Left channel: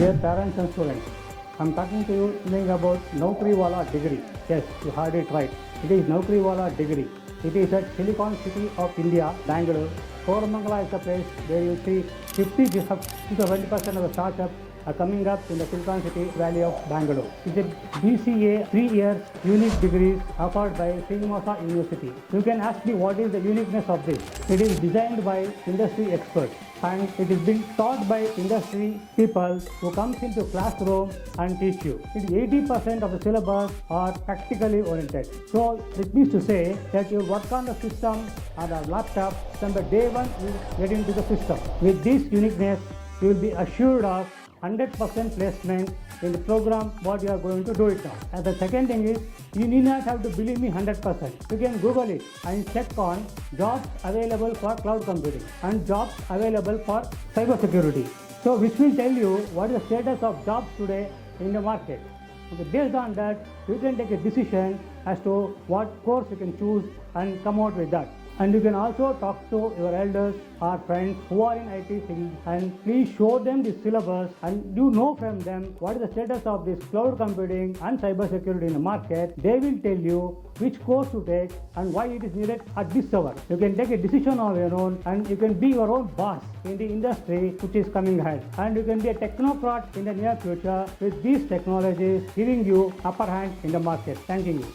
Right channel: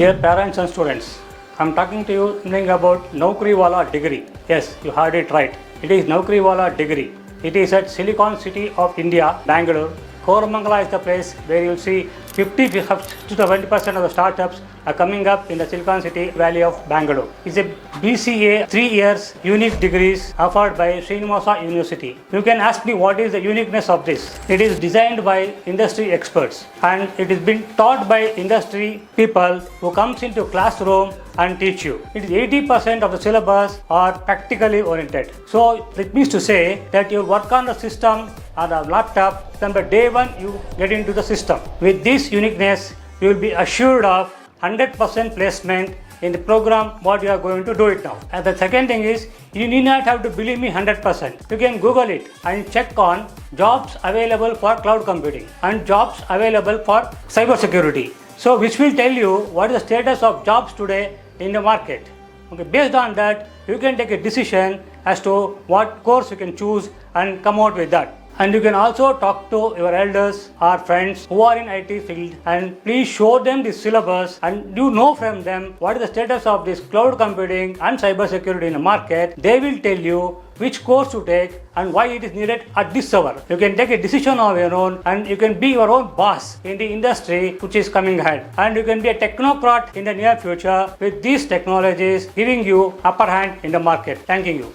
Dear parents and students, I'm talking to you something about Naukriwala degree. Yes, you heard it right. It is Naukriwala degree. It is at Silicon City of India, Bangalore. Koramangala is the place where you'll see 50 to 70% of the startups are coming up in the Silicon City Valley of Bangalore. It's a BCA 3 years unique degrees offered by Srinivas University. You can ask me what is the uniqueness of this. It is designed by industry experts and it is being taught by industry people who comes into classroom and teach you. It is 80% of the syllabus are practically oriented. So it means to say that you work on the system on a laptop from the day one you get into the system. With this uniqueness, you will be assured of 100% placement in the program what you are going to do it now. And the second thing is, you need not have to believe me 100%. You can Google it and check on jobs available for cloud computing and jobs available for cybersecurity. So which will tell you what is the status of jobs today in the market. Okay, based on that, you can take a decision as to what course you can choose and come out with that. And you can also talk to your elders or friends who are in IT field and please show them the syllabus and you know from them what is the status of this cloud computing and cybersecurity in the market. They will tell you which course to take and why it is needed at this hour. You can take a decision of your own and you can be your own boss in the industry which is coming ahead. And you can be a technocrat in the near future with these technologies giving you upper hand in the market. Thanking you.